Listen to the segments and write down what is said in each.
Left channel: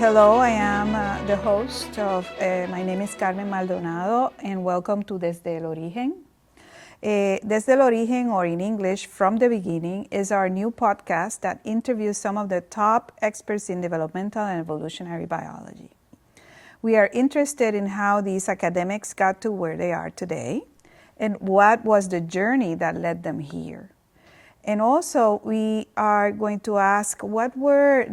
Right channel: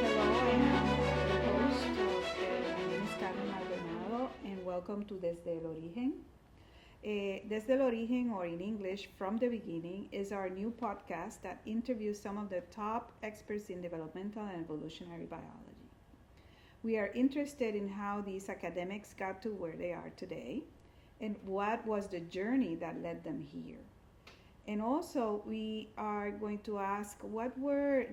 Hello, I am the host of, my name is Carmen Maldonado, and welcome to Desde, Origen. Desde Origen, or in English, From the Beginning, is our new podcast that interviews some of the top experts in developmental and evolutionary biology. We are interested in how these academics got to where they are today, and what was the journey that led them here. And also, we are going to ask what were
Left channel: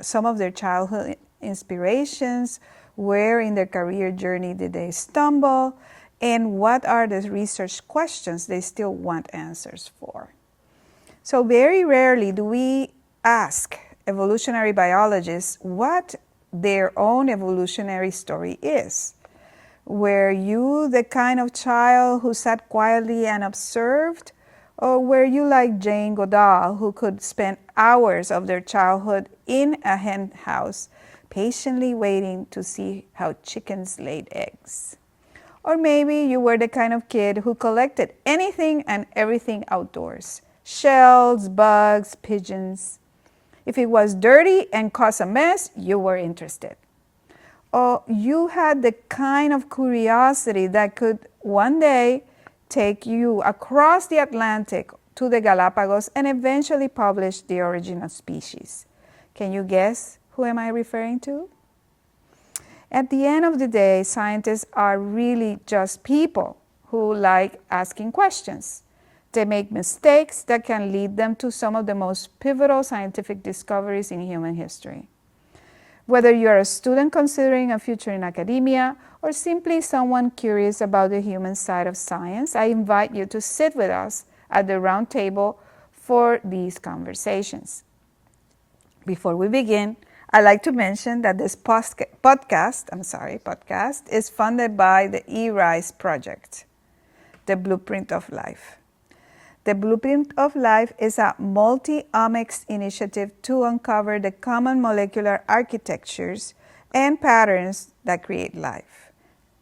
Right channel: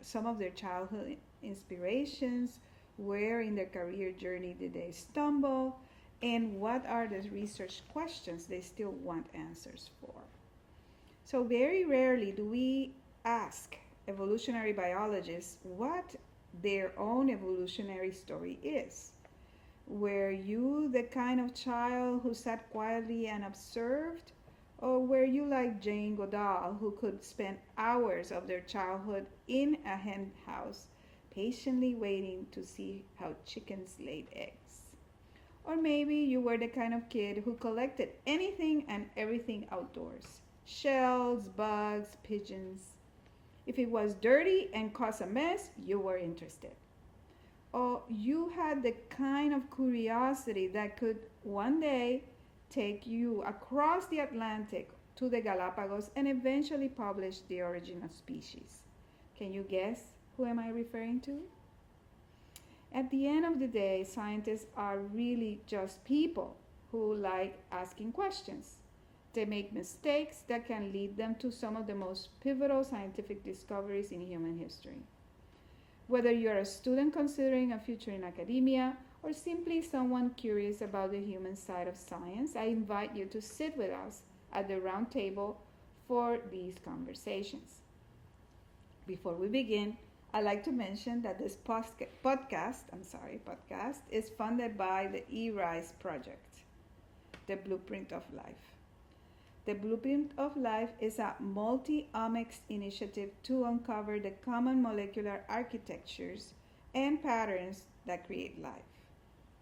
some of their childhood inspirations, where in their career journey did they stumble, and what are the research questions they still want answers for. So very rarely do we ask evolutionary biologists what their own evolutionary story is. Were you the kind of child who sat quietly and observed? Or were you like Jane Goodall, who could spend hours of their childhood in a hen house, patiently waiting to see how chickens laid eggs? Or maybe you were the kind of kid who collected anything and everything outdoors, shells, bugs, pigeons. If it was dirty and caused a mess, you were interested. Or you had the kind of curiosity that could one day take you across the Atlantic to the Galapagos and eventually publish The Origin of Species. Can you guess who am I referring to? At the end of the day, scientists are really just people who like asking questions. They make mistakes that can lead them to some of the most pivotal scientific discoveries in human history. Whether you're a student considering a future in academia or simply someone curious about the human side of science, I invite you to sit with us at the round table for these conversations. Before we begin, I'd like to mention that this podcast is funded by the eRISE project, the Blueprint of Life. The Blueprint of Life is a multi-omics initiative to uncover the common molecular architectures and patterns that create life.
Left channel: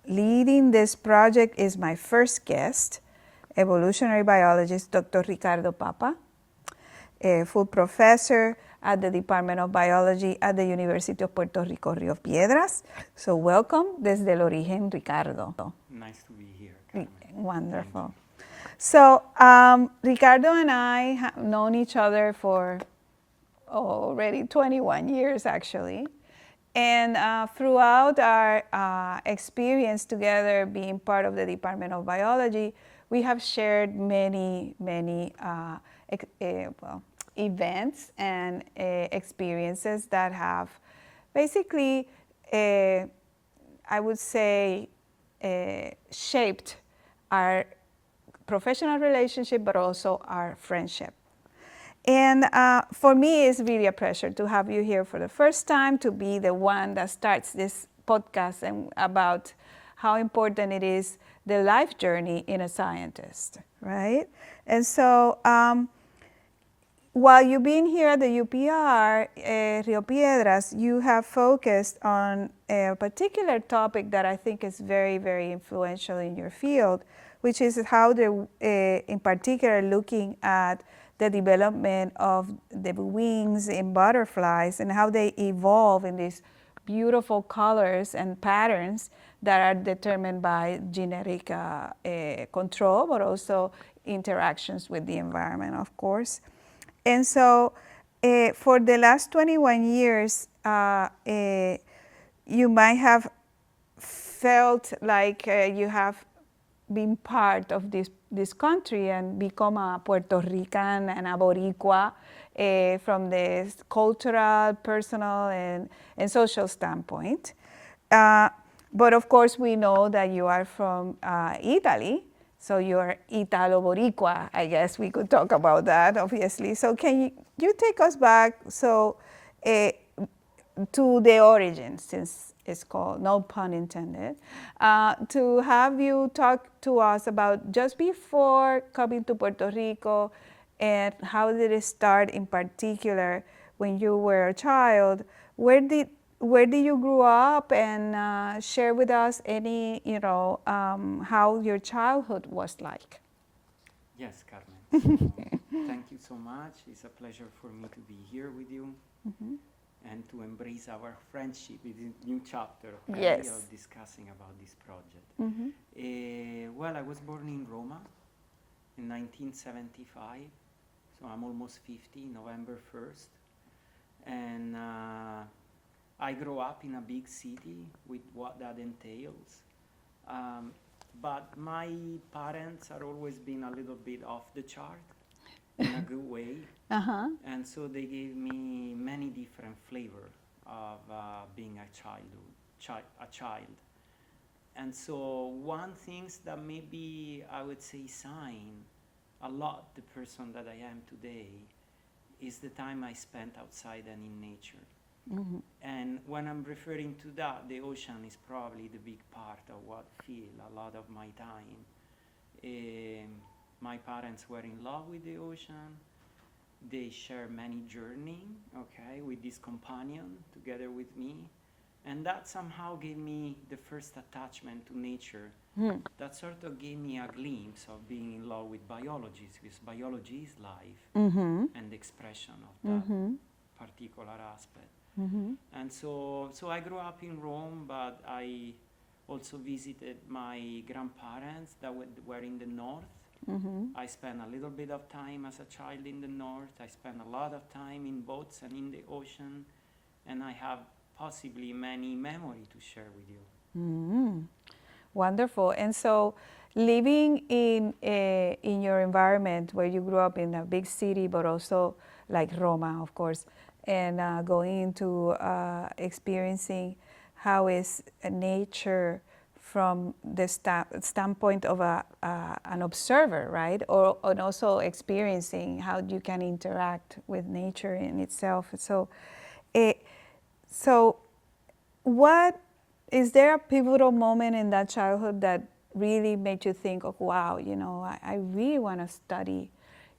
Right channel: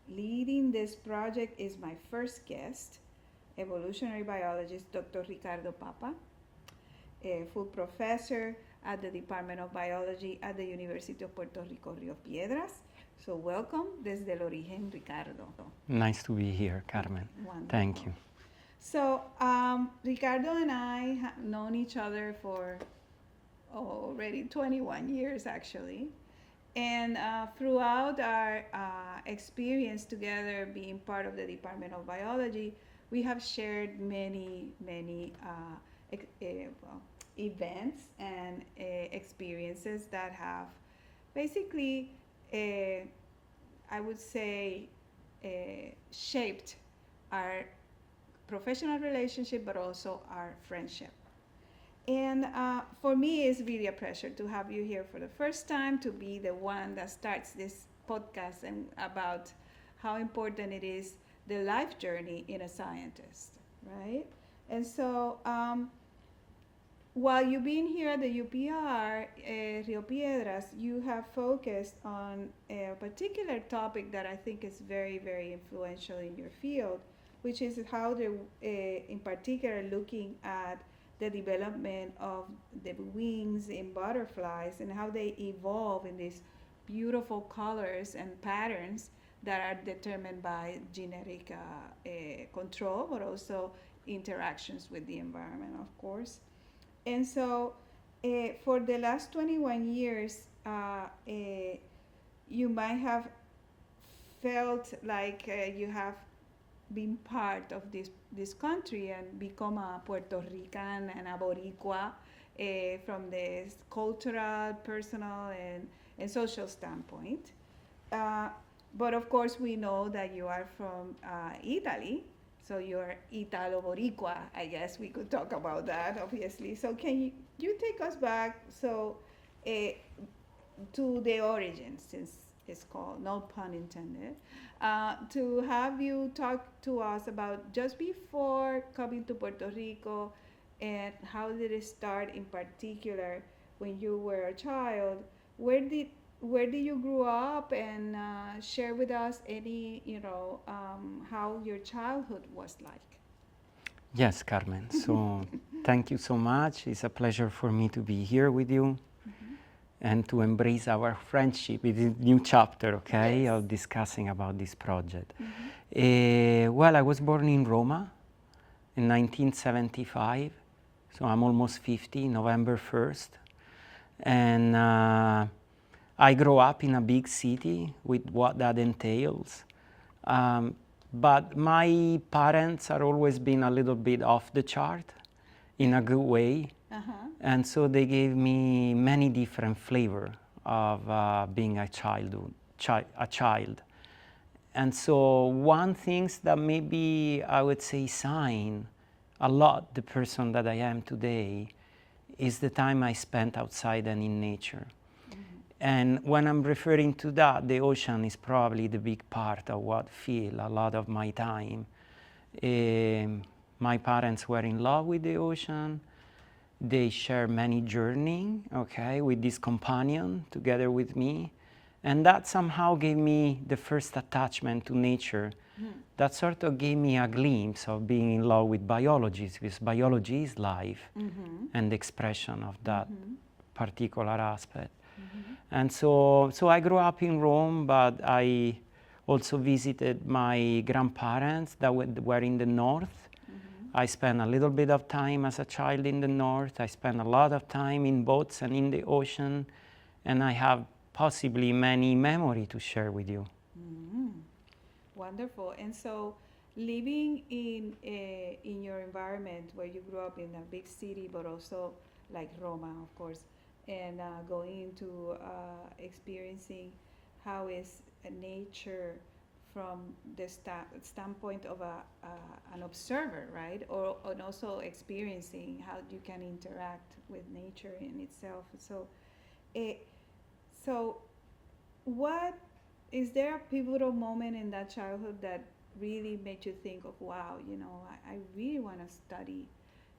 Leading this project is my first guest, evolutionary biologist Dr. Riccardo Papa, a full professor at the Department of Biology at the University of Puerto Rico, Rio Piedras. So welcome, Desde el Origen, Ricardo. Nice to be here, Carmen. Wonderful. Thank you. So Ricardo and I have known each other for already 21 years, actually. And throughout our experience together being part of the Department of Biology, we have shared many events and experiences that have basically, I would say, shaped our professional relationship, but also our friendship. And for me, it's really a pleasure to have you here for the first time, to be the one that starts this podcast and about how important it is, the life journey in a scientist, right? And so while you've been here at the UPR, Rio Piedras, you have focused on a particular topic that I think is very, very influential in your field, which is how in particular looking at the development of the wings in butterflies and how they evolve in these beautiful colors and patterns that are determined by genetic control, but also interactions with the environment, of course. And so for the last 21 years, you might have felt like you have been part of this country and become a Puerto Rican and a Boricua from the cultural, personal, and social standpoint. But of course, we know that you are from Italy, so you're Italo-Boricua. I guess we could talk about that, obviously. So can you take us back to the origin, since it's called, no pun intended, to have you talk to us about just before coming to Puerto Rico and how did it start in particular when you were a child. Where did you grow up, and share with us any, how your childhood was like? Yes, Carmen. So thank you so much. It's a pleasure for me to be here with you. and to embrace our friendship in this new chapter, okay, Yes. of discussing about this project. Mm-hmm. Well, I was born in Roma in 1975, so I'm almost 50, November 1st. And I grew up in a big city with what that entails. But my parents are always been a little bit off the chart in a good way. Uh-huh. And so they gave me many different flavor of being a child. And so one things that maybe I would say sign a lot the person that I am today is the time I spent outside and in nature. Mm-hmm. And when I'm referring to that, the ocean is probably the big part of what fill a lot of my time. My parents were in love with the ocean. They share many journeying, okay, with this companion together with me. And that somehow gave me the first attachment to nature. That sort of gave me a glimpse of being in love with biology, because biology is life and the expression of that particular aspect. And so I grew up in Rome, but I also visited my grandparents that were in the north. I spent a little bit of time as a child in the north. I spent a lot of time in boats and in the ocean, and I have possibly many memories to share with you. Wonderful. And so, living in your environment where you grew up in a big city, but also like Roma, of course, and going into experiencing how is nature from the standpoint of an observer, right? And also experiencing how you can interact with nature in itself. So, what is there a pivotal moment in that childhood that really made you think of, wow, you know, I really want to study,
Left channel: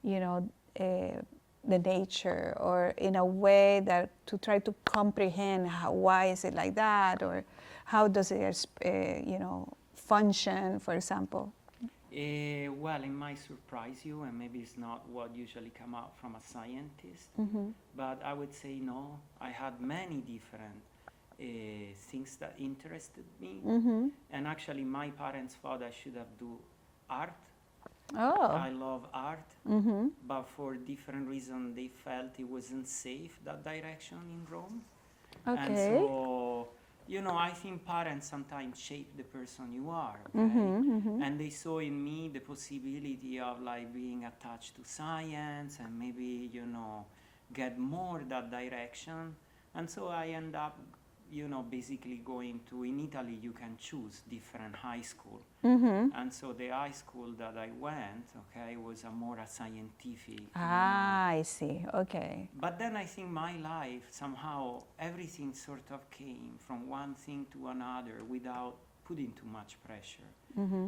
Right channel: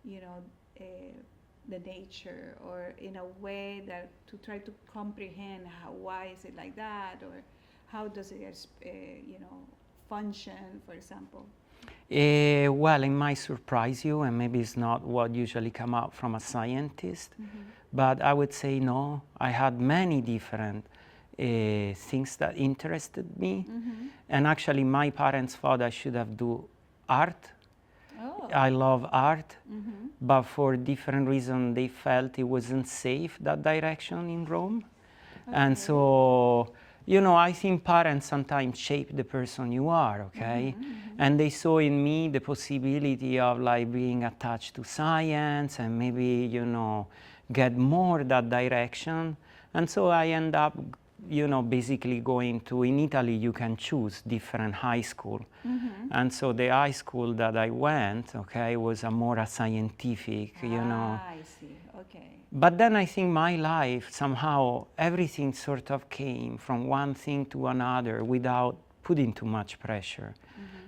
you know, the nature, or in a way that to try to comprehend why is it like that, or how does it, you know, function, for example? Well, it might surprise you, and maybe it's not what usually come out from a scientist, but I would say no. I had many different things that interested me, and actually my parents thought I should have do art. Oh. I love art, but for different reasons they felt it wasn't safe, that direction in Rome. Okay. And so, you know, I think parents sometimes shape the person you are, okay? And they saw in me the possibility of like being attached to science and maybe, you know, get more that direction. And so I end up, you know, basically going to, in Italy you can choose different high school. And so the high school that I went, okay, was a more scientific, you know. I see, okay. But then I think my life, somehow, everything sort of came from one thing to another without putting too much pressure.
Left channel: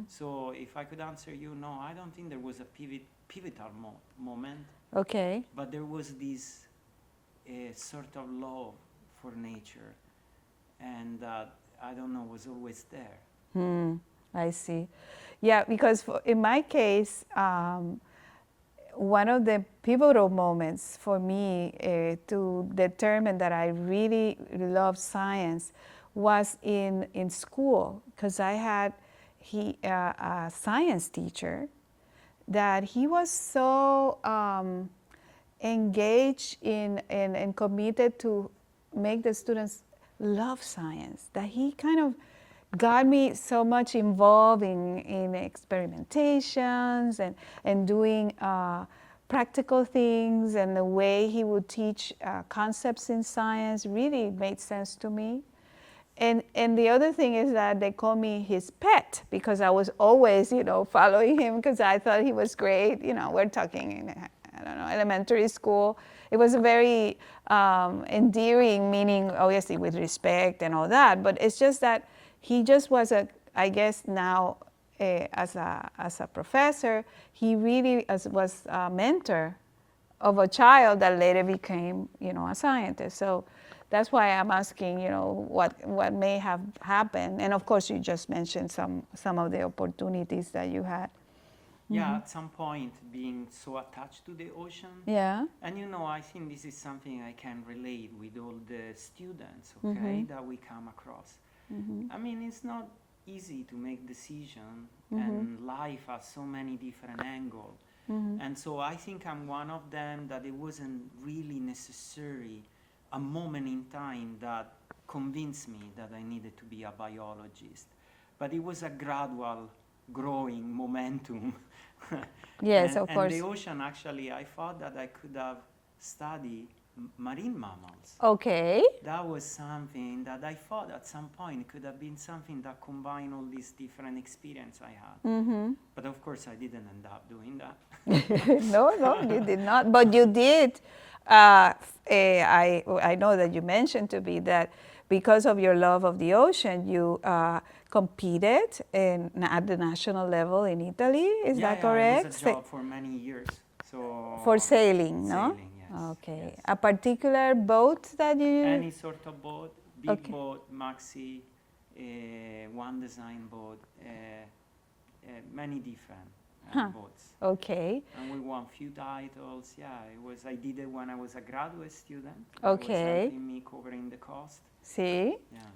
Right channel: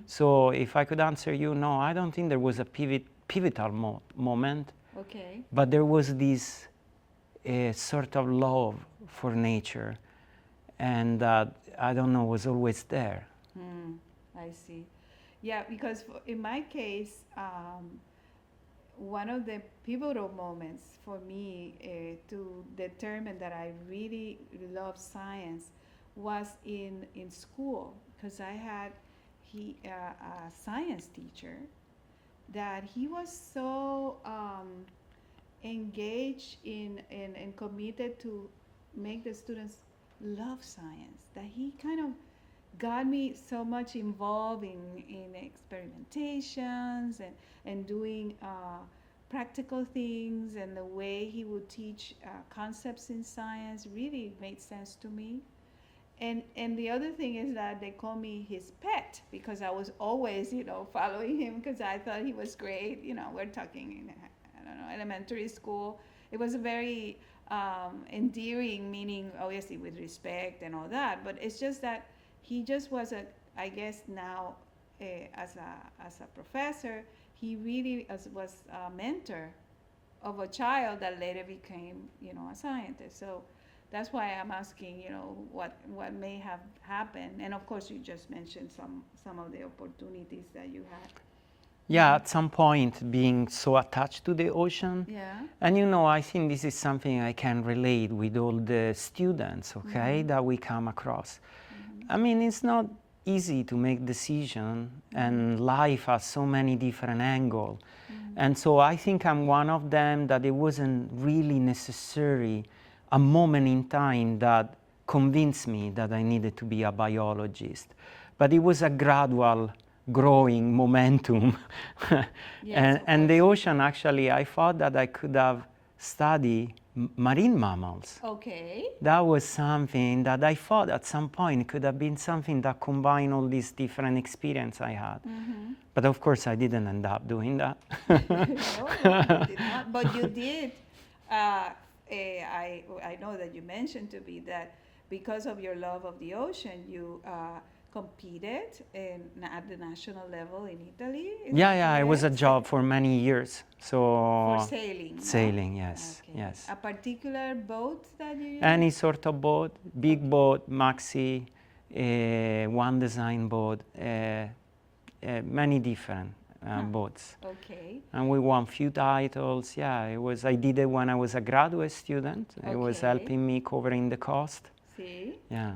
So if I could answer you, no, I don't think there was a pivotal moment. Okay. But there was this sort of love for nature, and that, I don't know, was always there. I see. Yeah, because in my case, one of the pivotal moments for me to determine that I really love science was in school, because I had a science teacher that he was so engaged in and committed to make the students love science, that he kind of got me so much involved in experimentations and doing practical things, and the way he would teach concepts in science really made sense to me. And the other thing is that they call me his pet, because I was always, you know, following him because I thought he was great. You know, we're talking in, I don't know, elementary school. It was a very endearing, meaning obviously with respect and all that, but it's just that he just was I guess now as a professor, he really was a mentor of a child that later became, you know, a scientist. So that's why I'm asking, you know, what may have happened. And of course, you just mentioned some of the opportunities that you had. Yeah, at some point being so attached to the ocean. Yeah. And I think this is something I can relate with all the students, okay, that we come across. I mean, it's not easy to make decision, and life has so many different angles. And so I think I'm one of them that it wasn't really necessary a moment in time that convinced me that I needed to be a biologist. But it was a gradual growing momentum. Yes, of and the course. ocean, actually, I thought that I could have studied marine mammals. Okay. That was something that I thought at some point could have been something that combined all these different experience I had. But of course, I didn't end up doing that. No, you did not. But you did. I know that you mentioned to me that because of your love of the ocean, you competed at the national level in Italy. Is that correct? It was a job for many years. So For sailing, no? Sailing, yes. Okay. Yes. A particular boat that you use? Any sort of boat, big boat, maxi, one design boat, many different boats. Okay. And we won few titles. Yeah, I did it when I was a graduate student. It was Okay. helping me covering the cost. See? Yeah.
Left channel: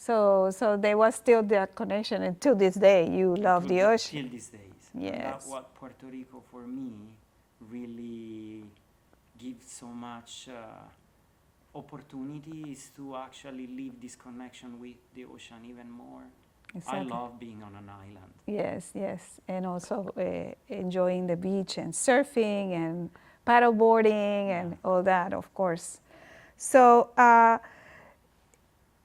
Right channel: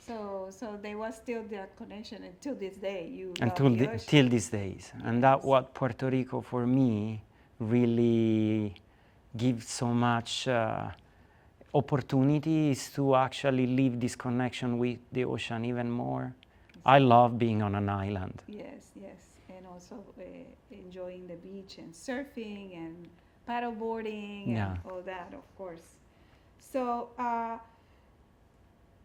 So there was still that connection, and to this day, you love the ocean. Till these days. And that's Yes. what Puerto Rico, for me, really gives so much opportunities to actually live this connection with the ocean even more. I Exactly. love being on an island. Yes, yes, and also enjoying the beach and surfing and paddleboarding and Yeah. all that, of course. So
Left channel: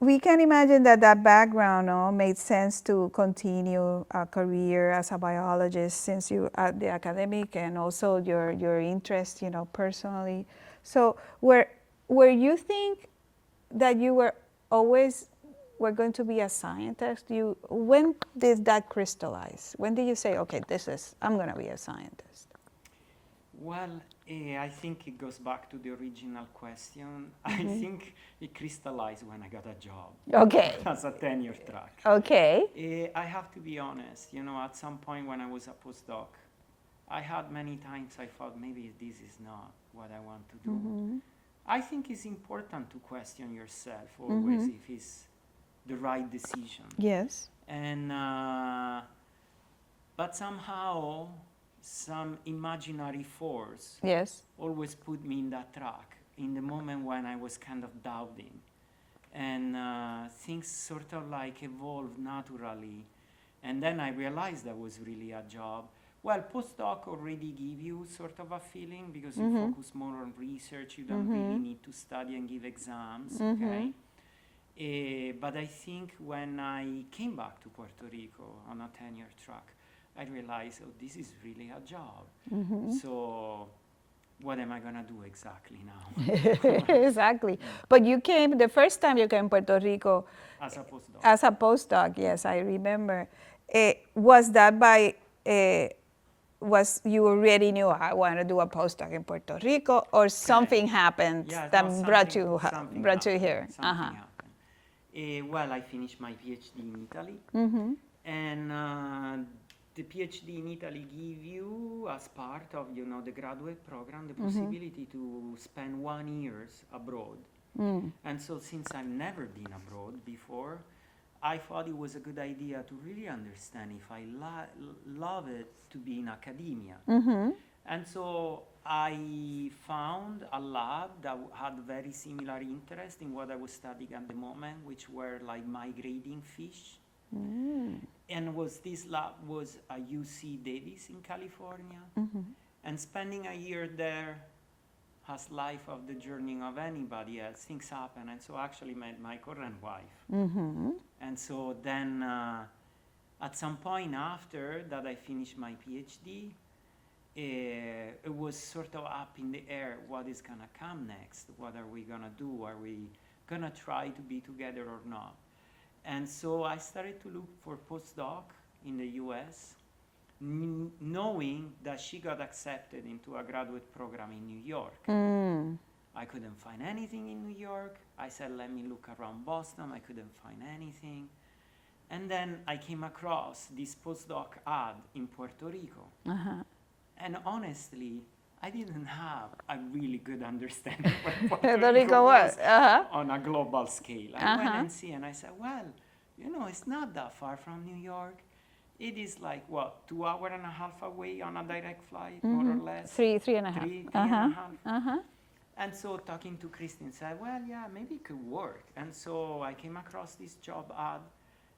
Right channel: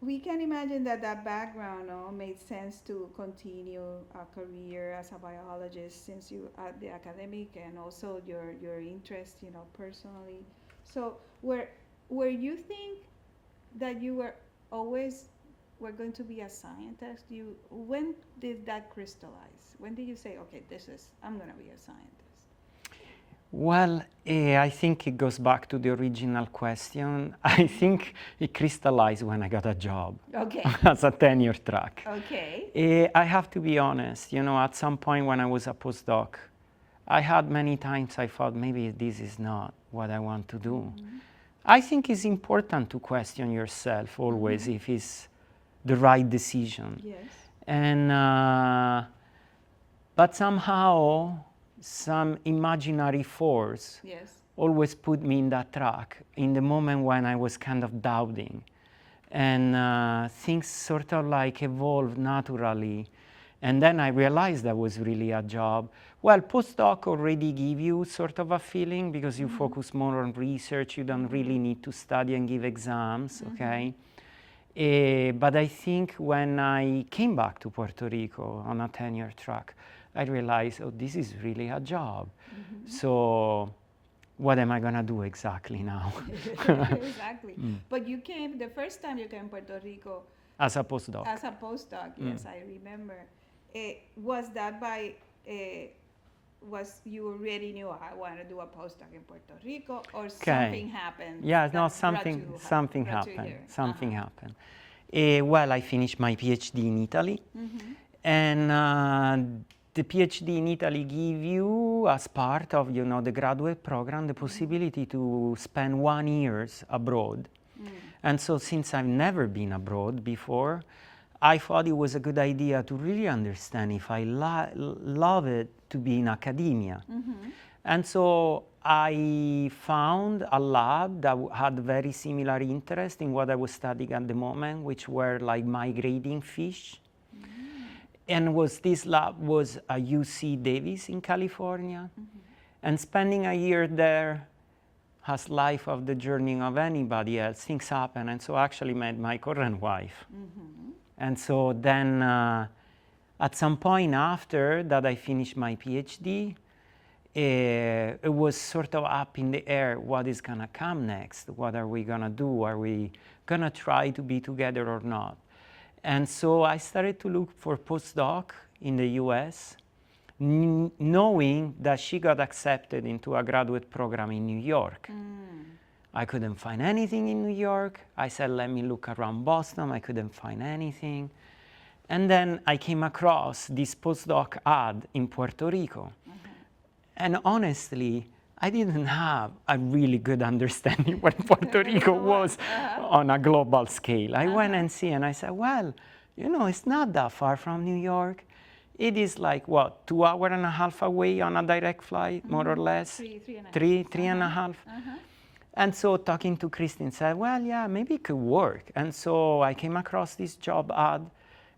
we can imagine that background made sense to continue a career as a biologist since you at the academic and also your interest, personally. So were you think that you were always were going to be a scientist? When did that crystallize? When did you say, okay, I'm going to be a scientist? Well, I think it goes back to the original question. I think it crystallized when I got a job Okay. as a tenure track. Okay. I have to be honest, at some point when I was a postdoc, I had many times I thought maybe this is not what I want to do. I think it's important to question yourself always if it's the right decision. Yes. And but somehow some imaginary force Yes. always put me in that track in the moment when I was kind of doubting. And things sort of like evolved naturally. And then I realized that was really a job. Well, postdoc already give you sort of a feeling because you focus more on research. You don't really need to study and give exams, okay? But I think when I came back to Puerto Rico on a tenure track, I realized, oh, this is really a job. So what am I going to do exactly now? Exactly. But the first time you came to Puerto Rico As a postdoc. as a postdoc, yes, I remember. Was that you already knew I want to do a postdoc in Puerto Rico, or something happened that brought you here? Something happened. Well, I finished my PhD in Italy. And the PhD in Italy give you, as part of the graduate program, the possibility to spend 1 year abroad. And so since I've never been abroad before, I thought it was a good idea to really understand if I love it to be in academia. And so I found a lab that had very similar interest in what I was studying at the moment, which were like migrating fish. And this lab was at UC Davis in California. And spending a year there has life of the journey of anybody else. Things happen. And so I actually met my current wife. And so then at some point after that I finished my PhD, it was sort of up in the air, what is going to come next? What are we going to do? Are we going to try to be together or not? And so I started to look for postdoc in the US, knowing that she got accepted into a graduate program in New York. I couldn't find anything in New York. I said, let me look around Boston. I couldn't find anything. And then I came across this postdoc ad in Puerto Rico. And honestly, I didn't have a really good understanding what Puerto Rico was on a global scale. I went and see, and I said, well, you know, it's not that far from New York. It is like, what, 2.5 hours away on a direct flight, more or less? Three and a half. Three and a half. And so talking to Christine said, well, yeah, maybe it could work. And so I came across this job ad.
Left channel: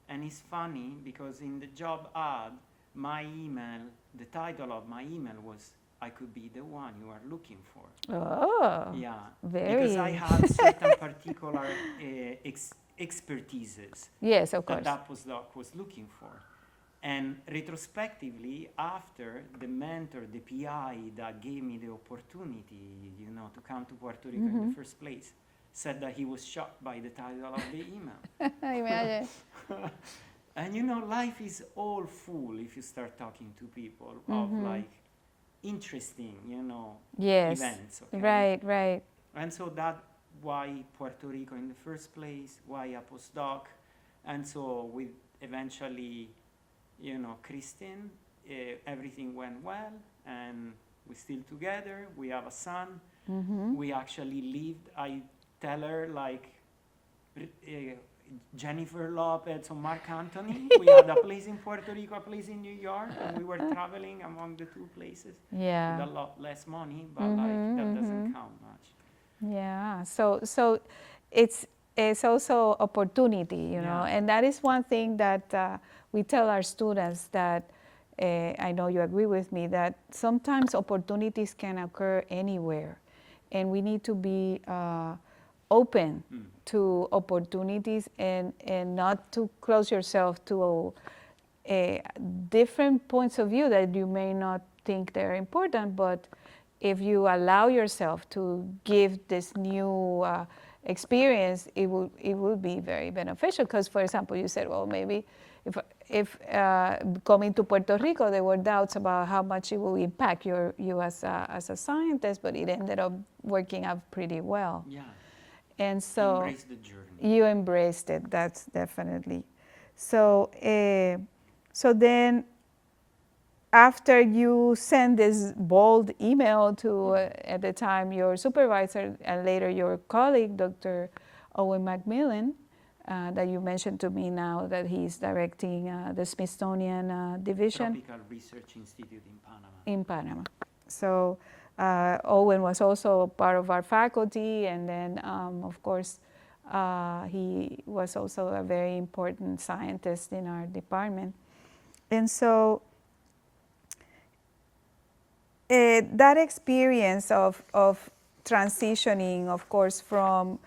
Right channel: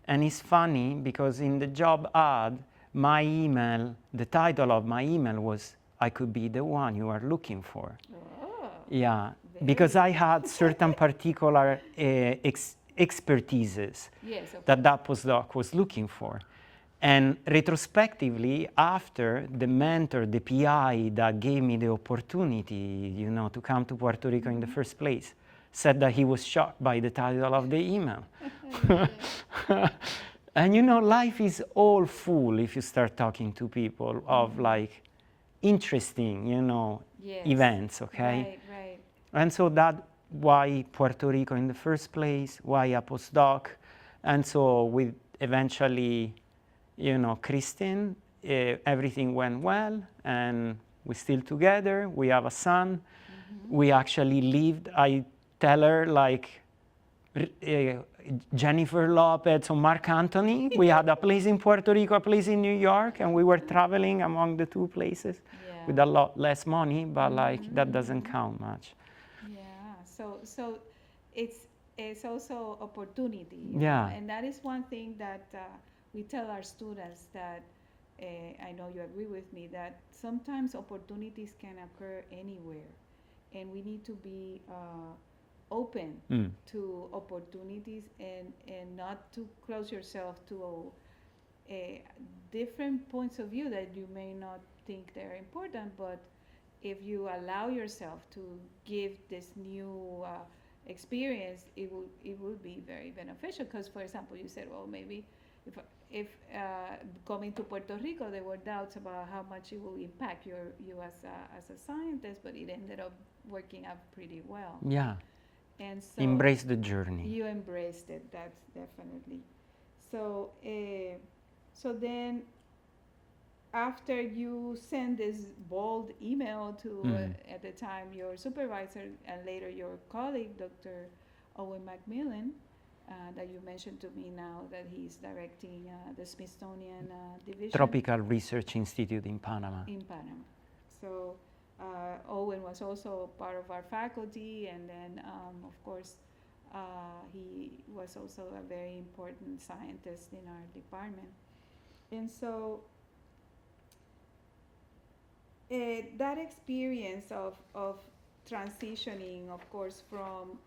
And it's funny because in the job ad, my email, the title of my email was, I could be the one you are looking for. Oh, yeah, because I had certain particular expertises yes, of that course. that postdoc was looking for. And retrospectively, after the mentor, the PI that gave me the opportunity, you know, to come to Puerto Rico in the first place, said that he was shocked by the title of the email. And you know, life is all full if you start talking to people of like interesting, you know, events, okay? Right. And so that's why Puerto Rico in the first place, why a postdoc. And so with eventually, you know, Christine, everything went well, and we're still together. We have a son. We actually lived, I tell her, like Jennifer Lopez or Mark Anthony. We had a place in Puerto Rico, a place in New York, and we were traveling among the two places with a lot less money, but like that doesn't count much. Yeah, so it's also opportunity, you know, and that is one thing that we tell our students that I know you agree with me that sometimes opportunities can occur anywhere, and we need to be open to opportunities and not to close yourself to different points of view that you may not think they're important, but if you allow yourself to give this new experience, it will be very beneficial. Because, for example, you said, well, maybe if coming to Puerto Rico, there were doubts about how much it will impact you as a scientist, but it ended up working out pretty well. Yeah. And so embrace the journey. You embraced it. That's definitely. So so then, after you send this bold email to at the time your supervisor and later your colleague, Dr. Owen Macmillan, that you mentioned to me now that he's directing the Smithsonian division. Tropical Research Institute in Panama. In Panama. So Owen was also part of our faculty, and then of course he was also a very important scientist in our department. And so that experience of transitioning, of course, from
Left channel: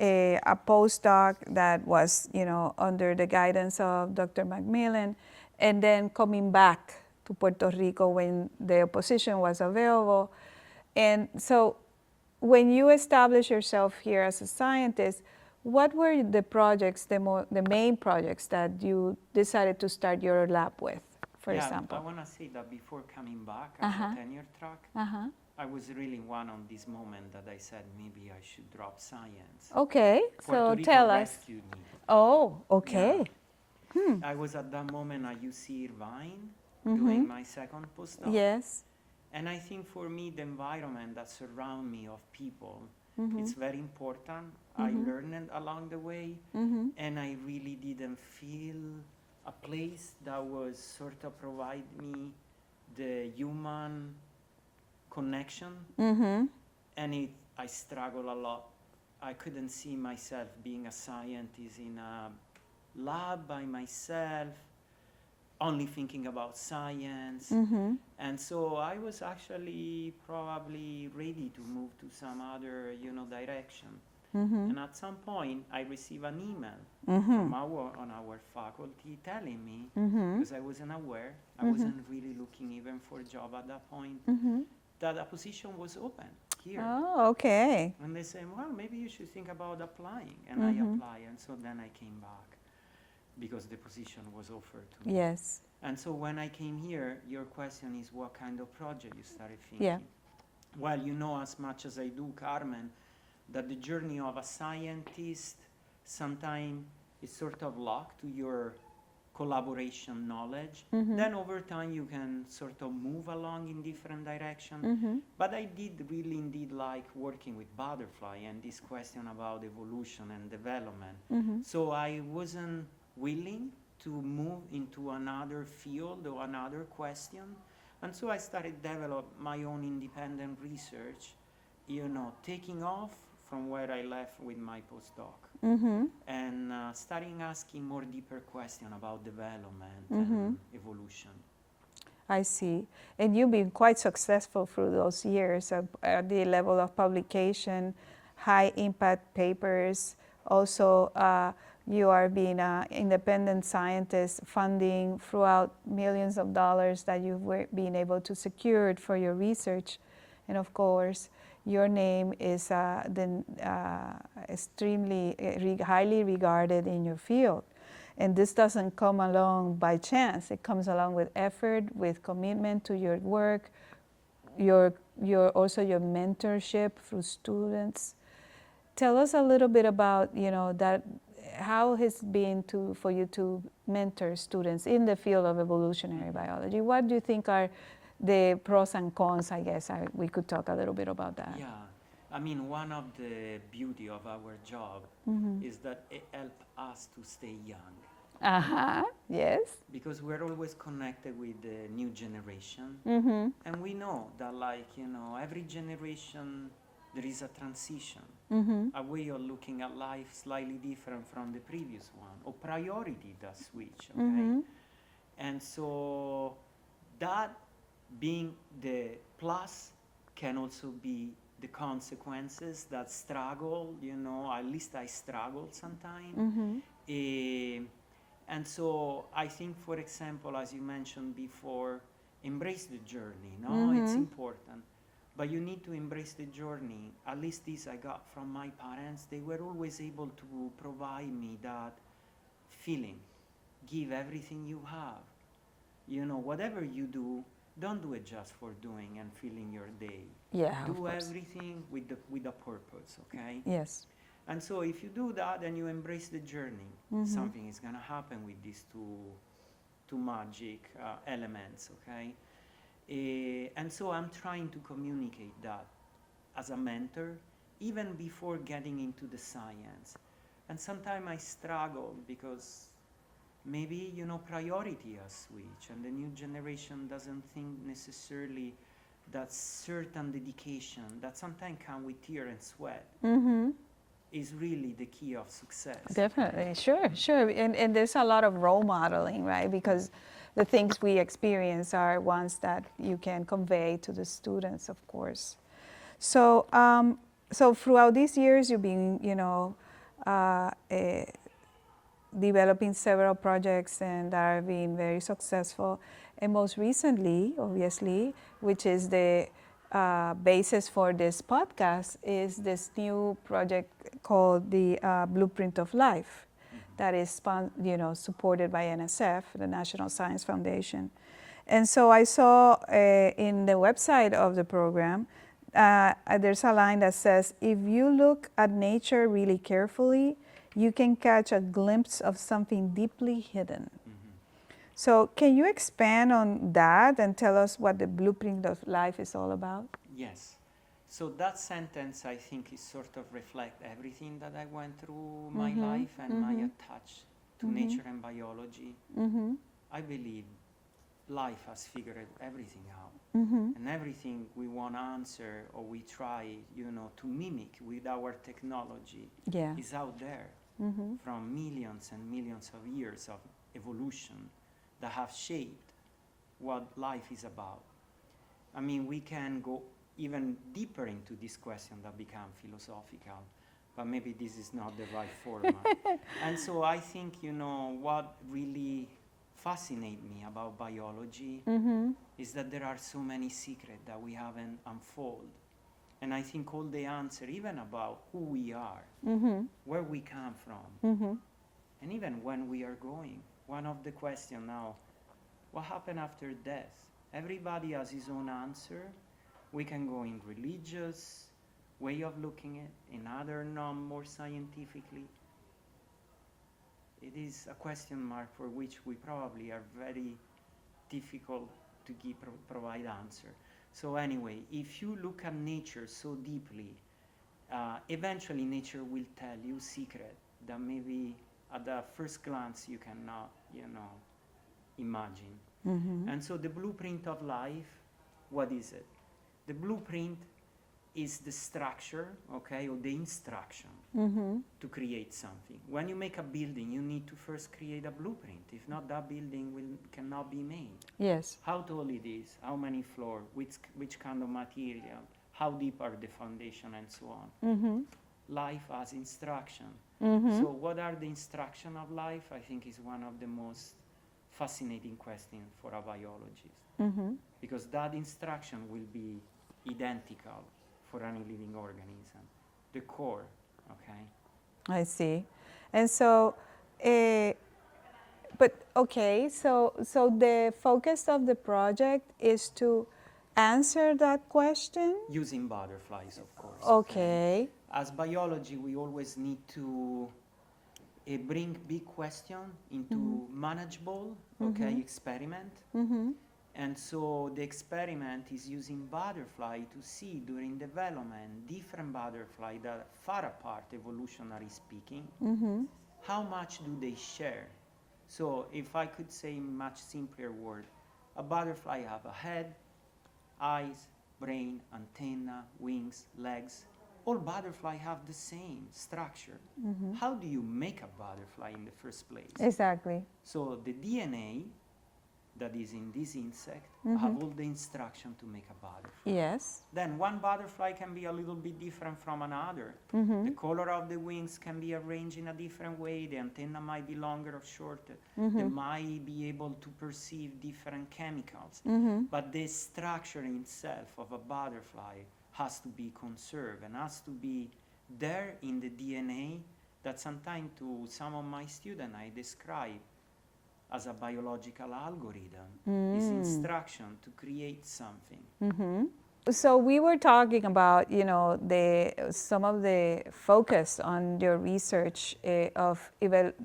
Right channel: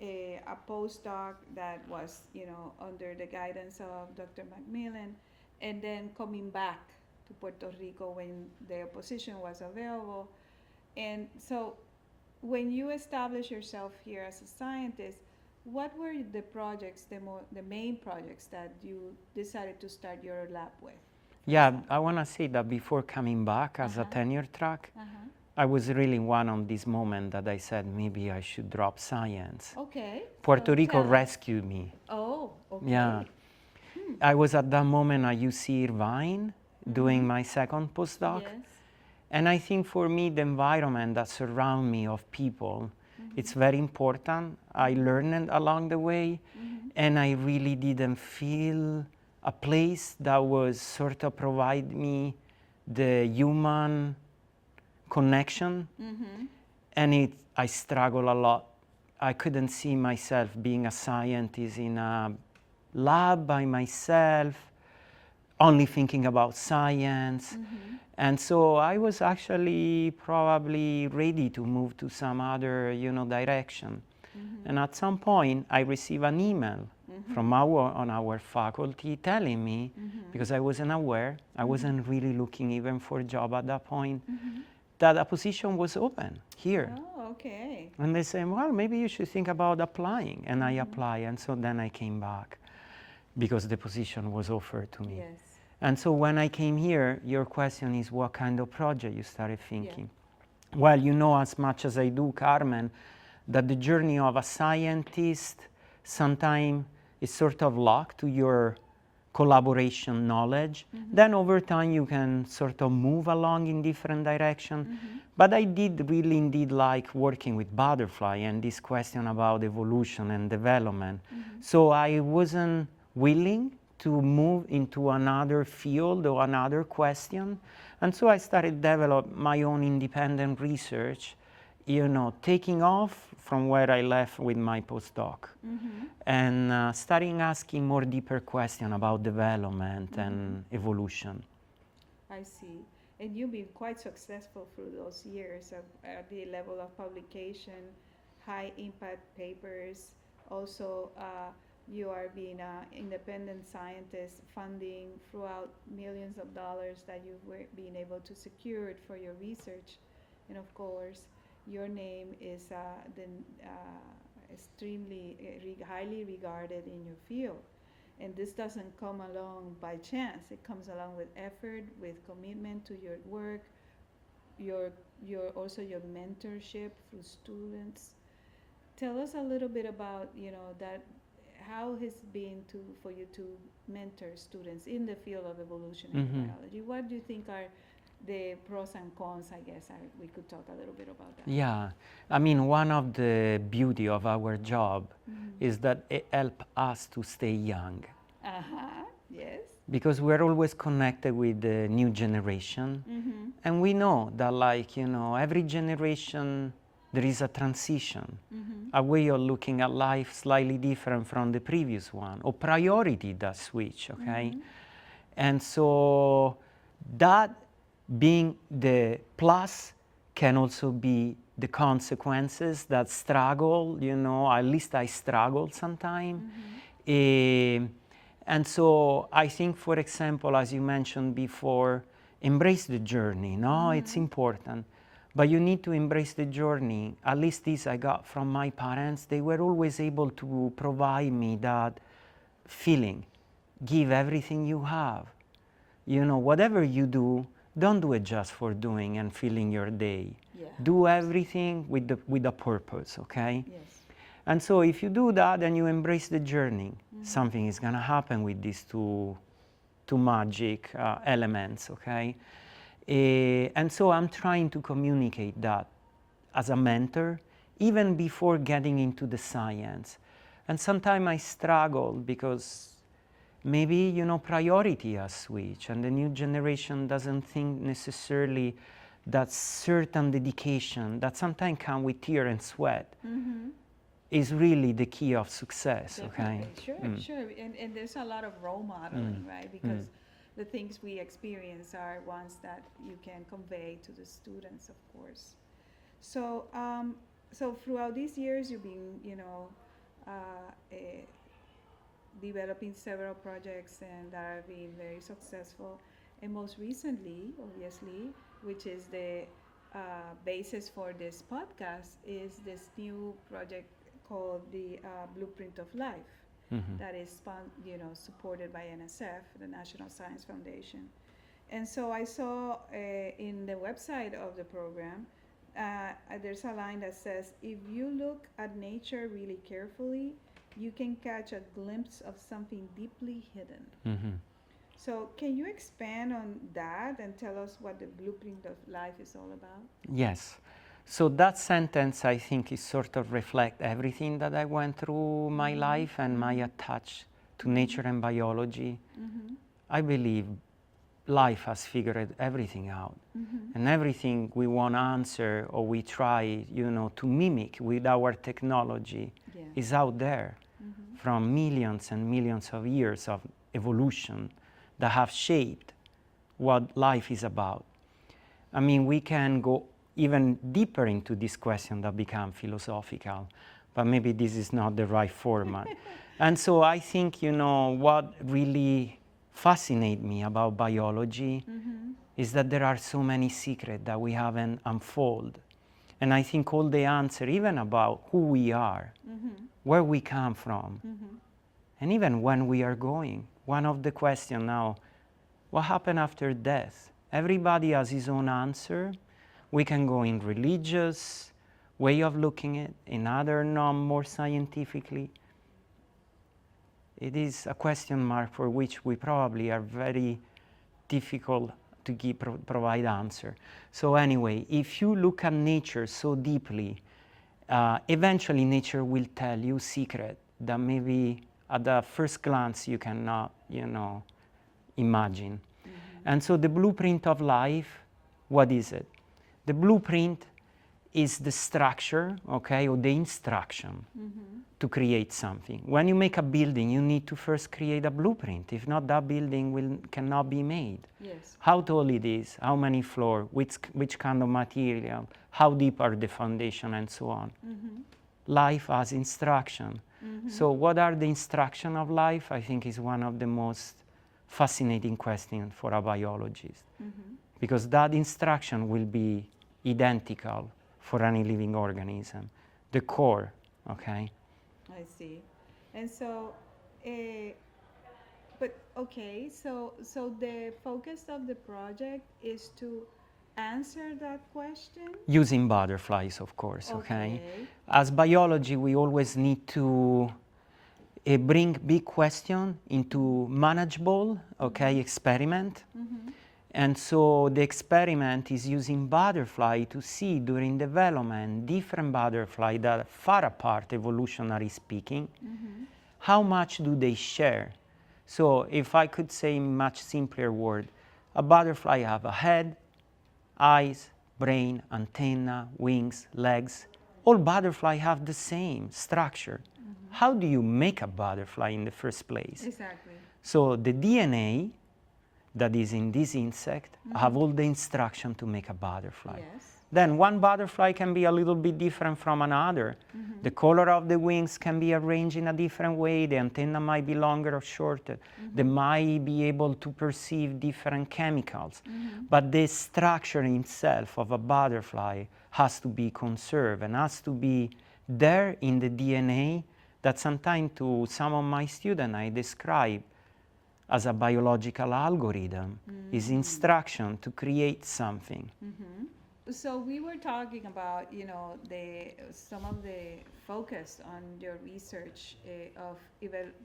a postdoc that was, you know, under the guidance of Dr. Macmillan, and then coming back to Puerto Rico when the position was available. And so when you established yourself here as a scientist, what were the projects, the main projects that you decided to start your lab with, for example? I want to say that before coming back as a tenure track, I was really one on this moment that I said maybe I should drop science. Okay. Puerto Rico rescued me. Oh, okay. Yeah. I was at that moment at UC Irvine doing my second postdoc. Yes. And I think for me, the environment that surrounds me of people, it's very important. I learned along the way, and I really didn't feel a place that was sort of provide me the human connection. And I struggle a lot. I couldn't see myself being a scientist in a lab by myself, only thinking about science. And so I was actually probably ready to move to some other, you know, direction. And at some point, I received an email from our faculty telling me, because I wasn't aware, I wasn't really looking even for a job at that point, that a position was open here. Oh, okay. And they said, well, maybe you should think about applying. And I applied, and so then I came back, because the position was offered to me. Yes. And so when I came here, your question is what kind of project you started thinking? Well, you know as much as I do, Carmen, that the journey of a scientist sometimes is sort of locked to your collaboration knowledge. Then over time you can sort of move along in different directions. But I did really indeed like working with butterfly and this question about evolution and development. So I wasn't willing to move into another field or another question. And so I started develop my own independent research, you know, taking off from where I left with my postdoc, and starting asking more deeper questions about development and evolution. I see. And you've been quite successful through those years at the level of publication, high impact papers. Also, you are being an independent scientist, funding throughout millions of dollars that you've been able to secure for your research. And of course, your name is extremely highly regarded in your field. And this doesn't come along by chance. It comes along with effort, with commitment to your work, also your mentorship through students. Tell us a little bit about, you know, that how it's been for you to mentor students in the field of evolutionary biology. What do you think are the pros and cons? I guess we could talk a little bit about that. Yeah, I mean, one of the beauty of our job is that it helps us to stay young. Yes. Because we're always connected with the new generation. And we know that, like, you know, every generation there is a transition, a way of looking at life slightly different from the previous one, or priority that switch, okay? And so that being the plus can also be the consequences that struggle, you know, at least I struggle sometimes. And so I think, for example, as you mentioned before, embrace the journey, no? It's important. But you need to embrace the journey. At least this I got from my parents. They were always able to provide me that feeling. Give everything you have. You know, whatever you do, don't do it just for doing and filling your day. Yeah. Do everything with a purpose, okay? Yes. And so if you do that and you embrace the journey, something is gonna happen with these two magic elements, okay? And so I'm trying to communicate that as a mentor, even before getting into the science. And sometimes I struggle because maybe, you know, priority has switched and the new generation doesn't think necessarily that certain dedication that sometimes comes with tear and sweat is really the key of success. Definitely, okay? sure, sure. And there's a lot of role modeling, right? Because the things we experience are ones that you can convey to the students, of course. So, so throughout these years, you've been, you know, developing several projects and are being very successful. And most recently, obviously, which is the basis for this podcast, is this new project called the Blueprint of Life. That is, you know, supported by NSF, the National Science Foundation. And so I saw in the website of the program, there's a line that says, if you look at nature really carefully, you can catch a glimpse of something deeply hidden. So can you expand on that and tell us what the Blueprint of Life is all about? Yes. So that sentence, I think, is sort of reflect everything that I went through my life and my attach to nature and biology. I believe life has figured everything out. And everything we want to answer or we try, you know, to mimic with our technology is out there from millions and millions of years of evolution that have shaped what life is about. I mean, we can go even deeper into this question that become philosophical, but maybe this is not the right format. And so I think, you know, what really fascinates me about biology is that there are so many secrets that we haven't unfolded. And I think all the answer, even about who we are, where we come from, and even when we are going. One of the questions now, what happened after death? Everybody has his own answer. We can go in religious way of looking at it, in other more scientifically. It is a question mark for which we probably are very difficult to provide answer. So anyway, if you look at nature so deeply, eventually nature will tell you secret that maybe at the first glance you cannot, imagine. And so the blueprint of life, what is it? The blueprint is the structure, okay, or the instruction to create something. When you make a building, you need to first create a blueprint. If not, that building cannot be made. Yes. How tall it is, how many floors, which kind of material, how deep are the foundation, and so on. Life has instruction. So what are the instruction of life? I think is one of the most fascinating questions for a biologist. Because that instruction will be identical for any living organism, the core, okay? I see. And so, but okay, so the focus of the project is to answer that question? Using butterflies, of course, Okay. As biology, we always need to bring big question into manageable, experiment. And so the experiment is using butterfly to see during development different butterfly that are far apart, evolutionary speaking, how much do they share? So if I could say in much simpler word, a butterfly have a head, eyes, brain, antenna, wings, legs. All butterfly have the same structure. How do you make a butterfly in the first place? Exactly. So the DNA that is in this insect have all the instruction to make a butterfly. Yes. Then one butterfly can be a little bit different from another. The color of the wings can be arranged in a different way. The antenna might be longer or shorter. They might be able to perceive different chemicals. But the structure itself of a butterfly has to be conserved and has to be there in the DNA that sometimes to some of my students I describe as a biological algorithm, is instruction to create something. So we were talking about, some of the focus on your research of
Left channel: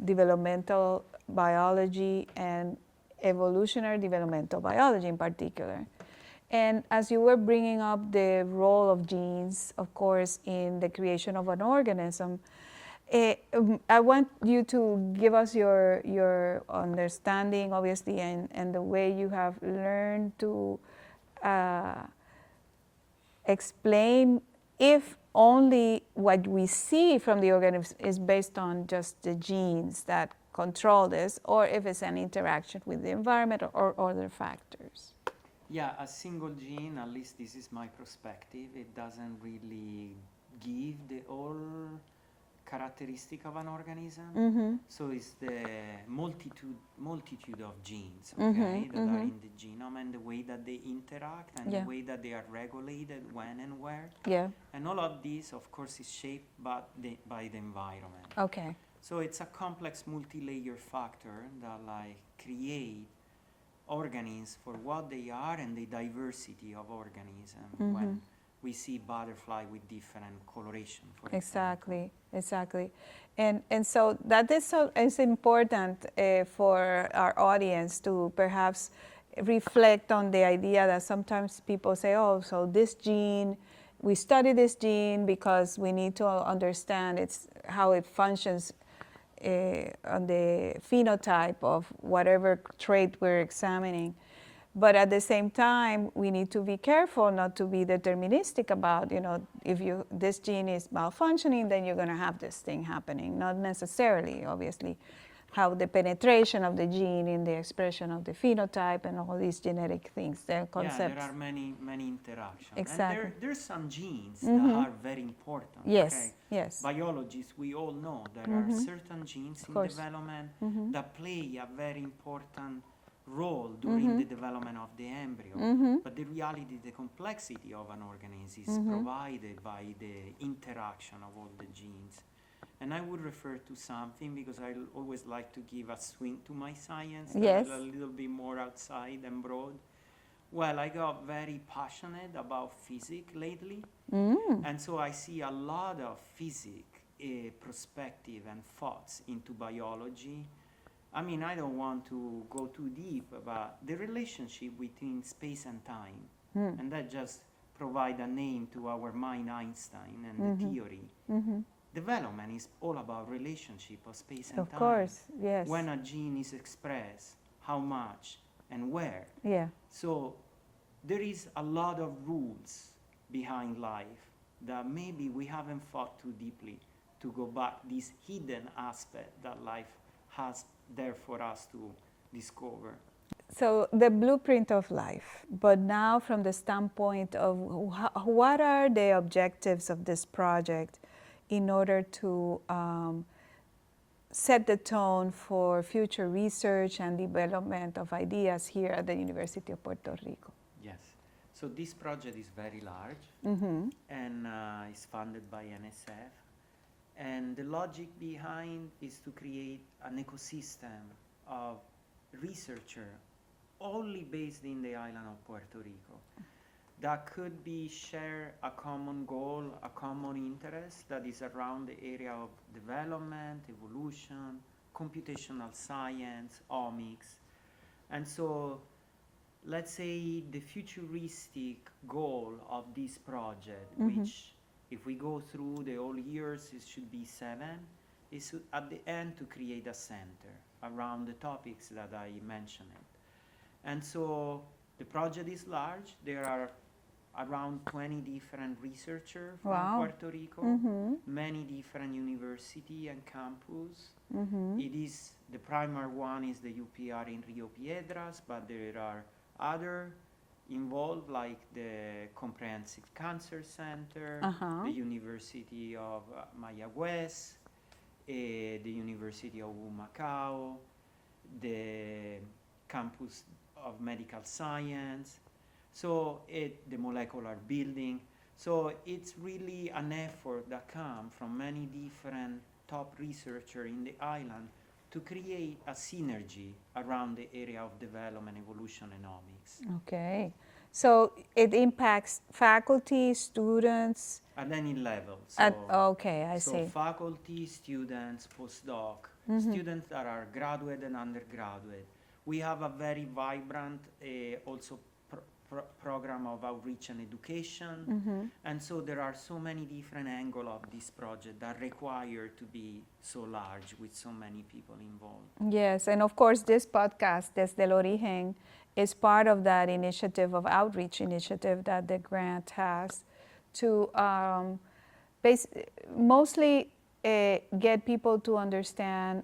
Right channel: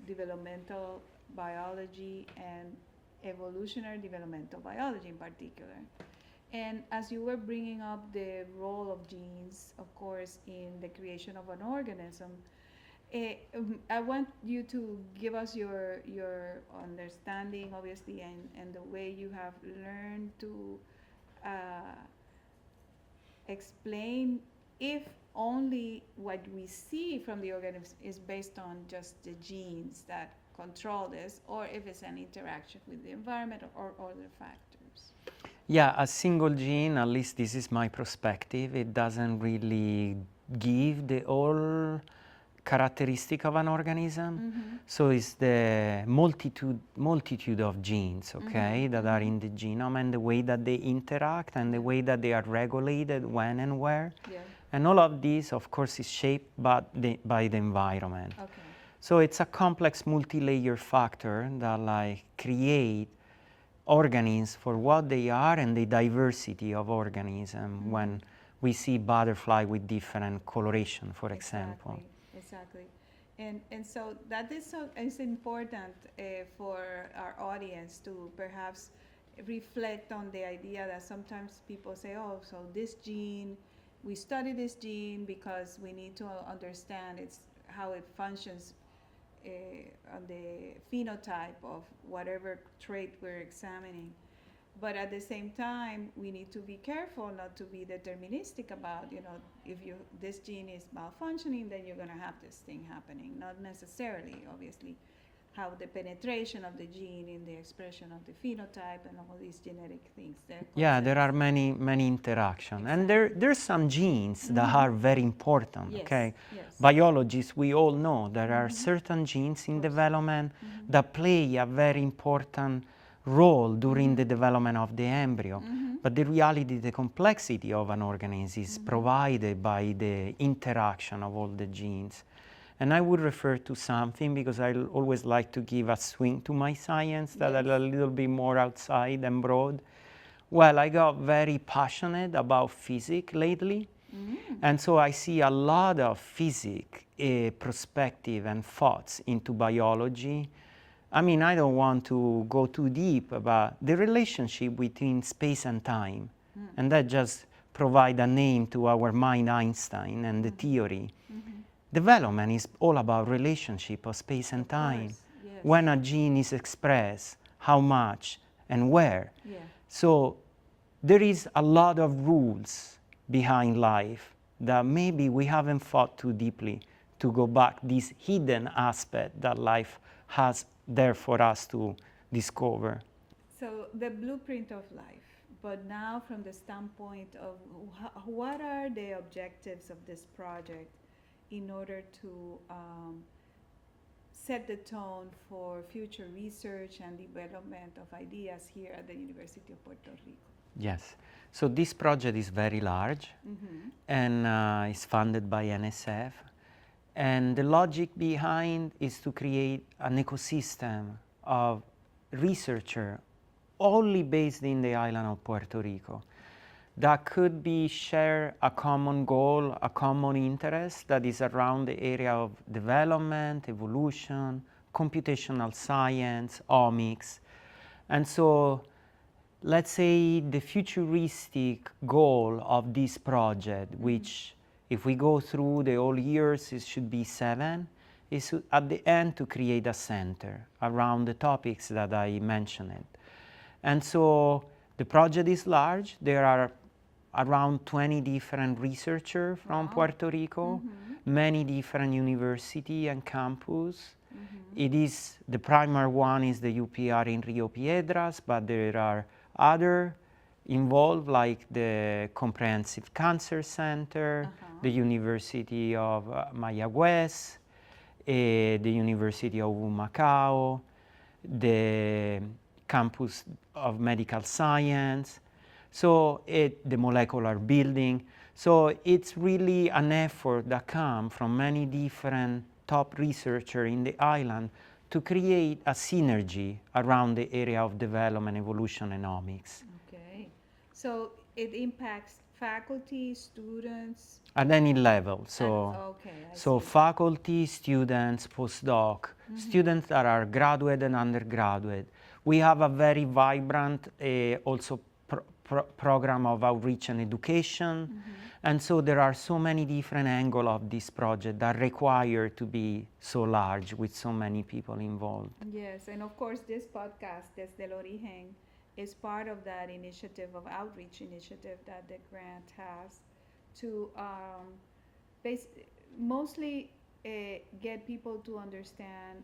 developmental biology and evolutionary developmental biology in particular. And as you were bringing up the role of genes, of course, in the creation of an organism, I want you to give us your understanding, obviously, and the way you have learned to explain if only what we see from the organism is based on just the genes that control this, or if it's an interaction with the environment or other factors. Yeah, a single gene, at least this is my perspective, it doesn't really give the whole characteristic of an organism. So it's the multitude of genes, that are in the genome, and the way that they interact and the way that they are regulated when and where. Yeah. And all of this, of course, is shaped by the environment. Okay. So it's a complex multi-layer factor that create organisms for what they are and the diversity of organisms when we see butterfly with different coloration, for example. Exactly. And so that is important for our audience to perhaps reflect on the idea that sometimes people say, oh, so this gene, we study this gene because we need to understand how it functions on the phenotype of whatever trait we're examining. But at the same time, we need to be careful not to be deterministic about, if this gene is malfunctioning, then you're going to have this thing happening. Not necessarily, obviously, how the penetration of the gene in the expression of the phenotype and all these genetic things. Yeah, there are many interactions. Exactly. And there's some genes that are very important. Yes, okay? yes. Biologists, we all know there are certain genes in development that play a very important role during the development of the embryo. But the reality, the complexity of an organism is provided by the interaction of all the genes. And I would refer to something because I always like to give a swing to my science that are a little bit more outside and broad. Well, I got very passionate about physics lately. And so I see a lot of physics, perspective and thoughts into biology. I mean, I don't want to go too deep about the relationship between space and time. And that just provide a name to our mind, Einstein, and the theory. Development is all about relationship of space and Of time. course, yes. When a gene is expressed, how much, and where. Yeah. So there is a lot of rules behind life that maybe we haven't thought too deeply to go back this hidden aspect that life has there for us to discover. So the blueprint of life, but now from the standpoint of what are the objectives of this project in order to set the tone for future research and development of ideas here at the University of Puerto Rico? Yes. So this project is very large and is funded by NSF. And the logic behind is to create an ecosystem of researchers only based in the island of Puerto Rico that could be share a common goal, a common interest that is around the area of development, evolution, computational science, omics. And so let's say the futuristic goal of this project, which if we go through the whole years, it should be 7, is at the end to create a center around the topics that I mentioned. And so the project is large. There are around 20 different researchers from Puerto Rico, many different universities and campus. It is, the primary one is the UPR in Rio Piedras, but there are other involved like the Comprehensive Cancer Center, the University of Mayagüez, the University of Humacao, the Campus of Medical Science, so the molecular building. So it's really an effort that comes from many different top researchers in the island to create a synergy around the area of development, evolution, and omics. Okay. So it impacts faculty, students? At any level. So, okay, I so see. faculty, students, postdoc, students that are graduate and undergraduate. We have a very vibrant also program of outreach and education. And so there are so many different angles of this project that require to be so large with so many people involved. Yes, and of course this podcast, Desde Origen, is part of that initiative of outreach initiative that the grant has to mostly get people to understand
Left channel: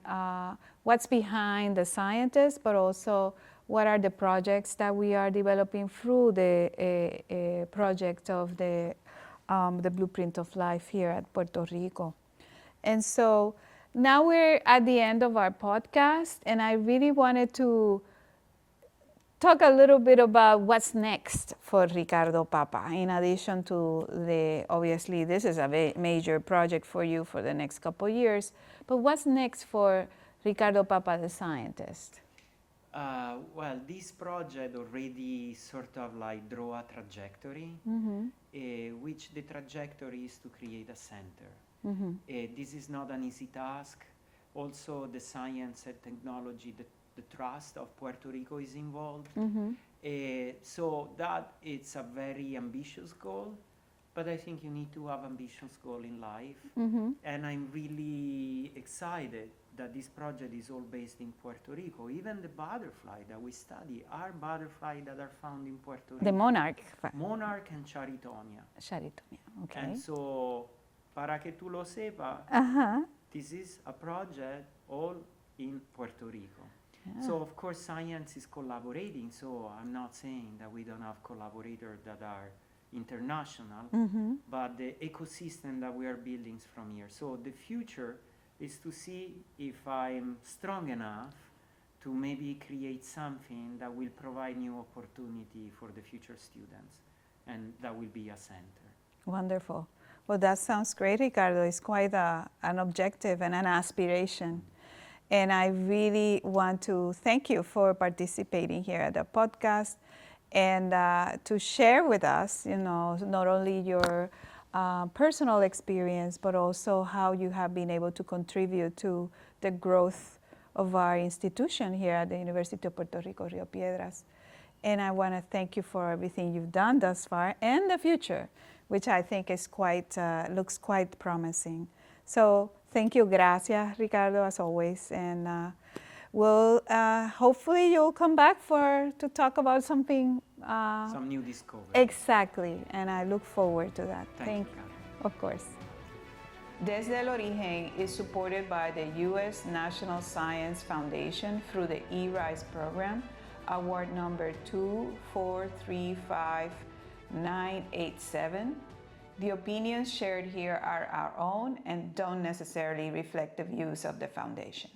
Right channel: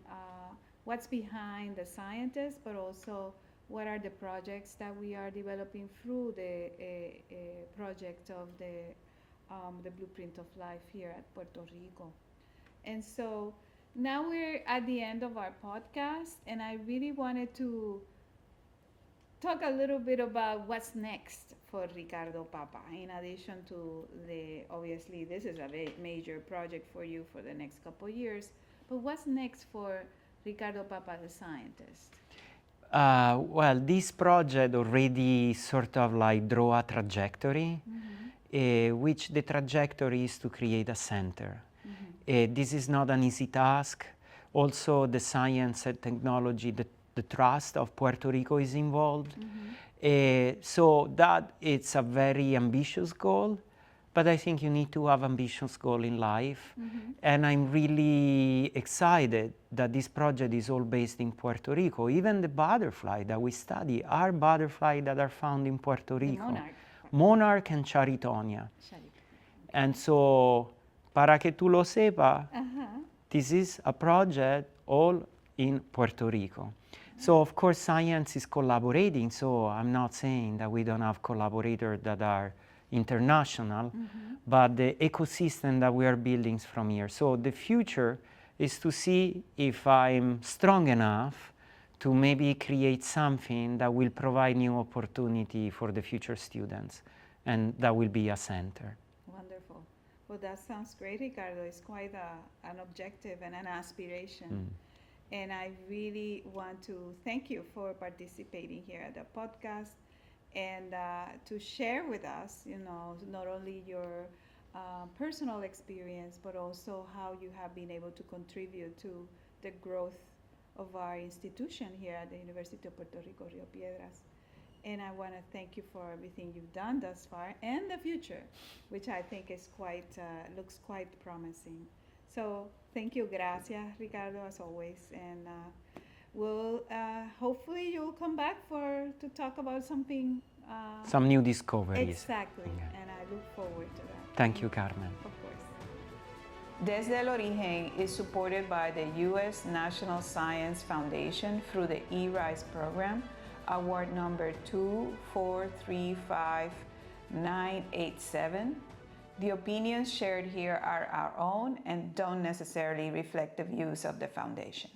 what's behind the scientists, but also what are the projects that we are developing through the project of the Blueprint of Life here at Puerto Rico. And so now we're at the end of our podcast, and I really wanted to talk a little bit about what's next for Riccardo Papa. In addition to obviously this is a major project for you for the next couple of years, but what's next for Riccardo Papa, the scientist? Well, this project already sort of like draw a trajectory, which the trajectory is to create a center. This is not an easy task. Also, the science and technology, the trust of Puerto Rico is involved. So that it's a very ambitious goal, but I think you need to have ambitious goal in life. And I'm really excited that this project is all based in Puerto Rico. Even the butterfly that we study are butterflies that are found in Puerto Rico. The monarch. Monarch and Charitonia. Charitonia. Okay. And so, para que tú lo sepas, this is a project all in Puerto Rico. So of course science is collaborating, so I'm not saying that we don't have collaborators that are international, but the ecosystem that we are building is from here. So the future is to see if I'm strong enough to maybe create something that will provide new opportunity for the future students, and that will be a center. Wonderful. Well, that sounds great, Riccardo. It's quite an objective and an aspiration. And I really want to thank you for participating here at the podcast and to share with us, you know, not only your personal experience, but also how you have been able to contribute to the growth of our institution here at the University of Puerto Rico, Rio Piedras. And I want to thank you for everything you've done thus far and the future, which I think is looks quite promising. So thank you, gracias, Ricardo, as always. And hopefully you'll come back to talk about something. Some new discoveries. Exactly, Yeah. and I look forward to that. Thank you, Carmen. Of course. Desde el Origen is supported by the U.S. National Science Foundation through the eRISE program, award number 2435987. The opinions shared here are our own and don't necessarily reflect the views of the foundation.